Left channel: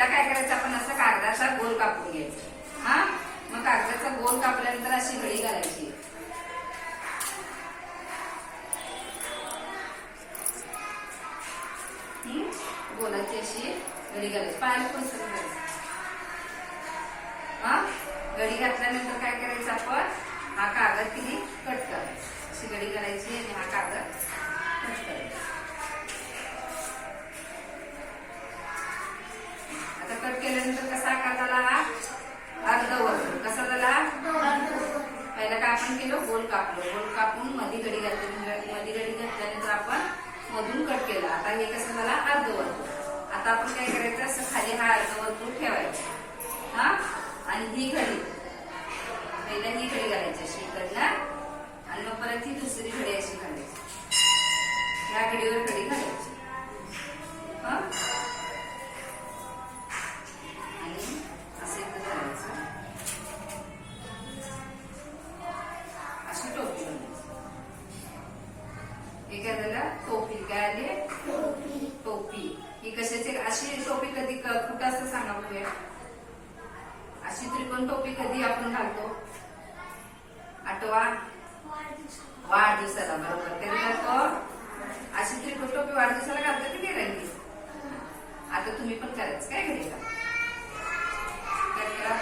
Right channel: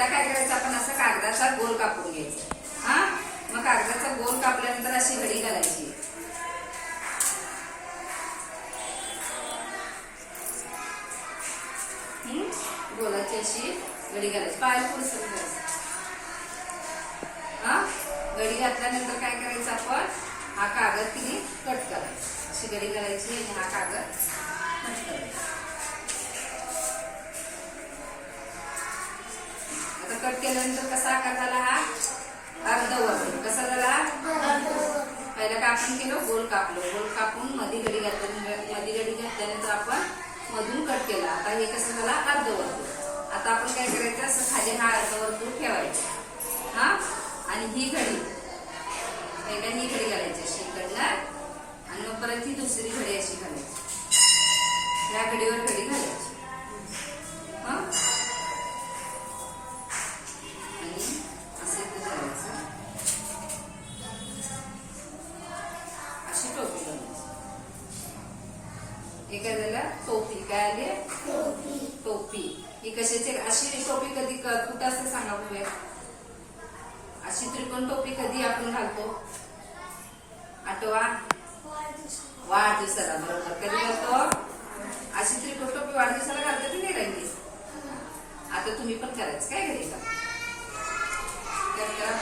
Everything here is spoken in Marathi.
पहिला काय करायचं आपण असं कागदाचा गोल कापून घ्यायचा. हा? मग कागदाचा गोल कापल्यानंतर अशी घडी घालायची. गोलाची अशी घडी घालायची. पायाला पुरसून घालायची हा? घडी घातल्यानंतर काय करायचं आपण? हा कागद तिने कट करायचा. अशी घडी घालायची आणि हा कागद कट केल्यानंतर कसा आकार झाला हा? अर्धवर कसा झाला पहिला काय आपण केलं गोल कापलो. गोल कापून मधी गडी घातल्या मधी गडी घातल्यानंतर आपण मधून कट केला. आता हे कसं झाला? अर्धवर्तुळ आता आपण काय करायचं? असं खाली हा अर्धवर्तुळ ठेवायचा. हा? आणि ही घडी. पहिला ही घडी घालायची अशी इकडनं. आणि मग परत ही दुसरी घडी अशी घालायची. या घडीवर अशी टोपी बनवायची एखाद्याला टोपी. काय आली? टोपी. ही कशाची? अशी टोपी कधी कुठं असं सांगा बघूया अशी त्रिकोण टोपी कधी आपण घालतो? आठवा. वाढदिवसाला बरोबर. कधी घालतो? अशी त्रिकोण टोपी वाढदिवसाला घालतो ती रंगी आता तुम्ही पण करायचं. काय घरी? करा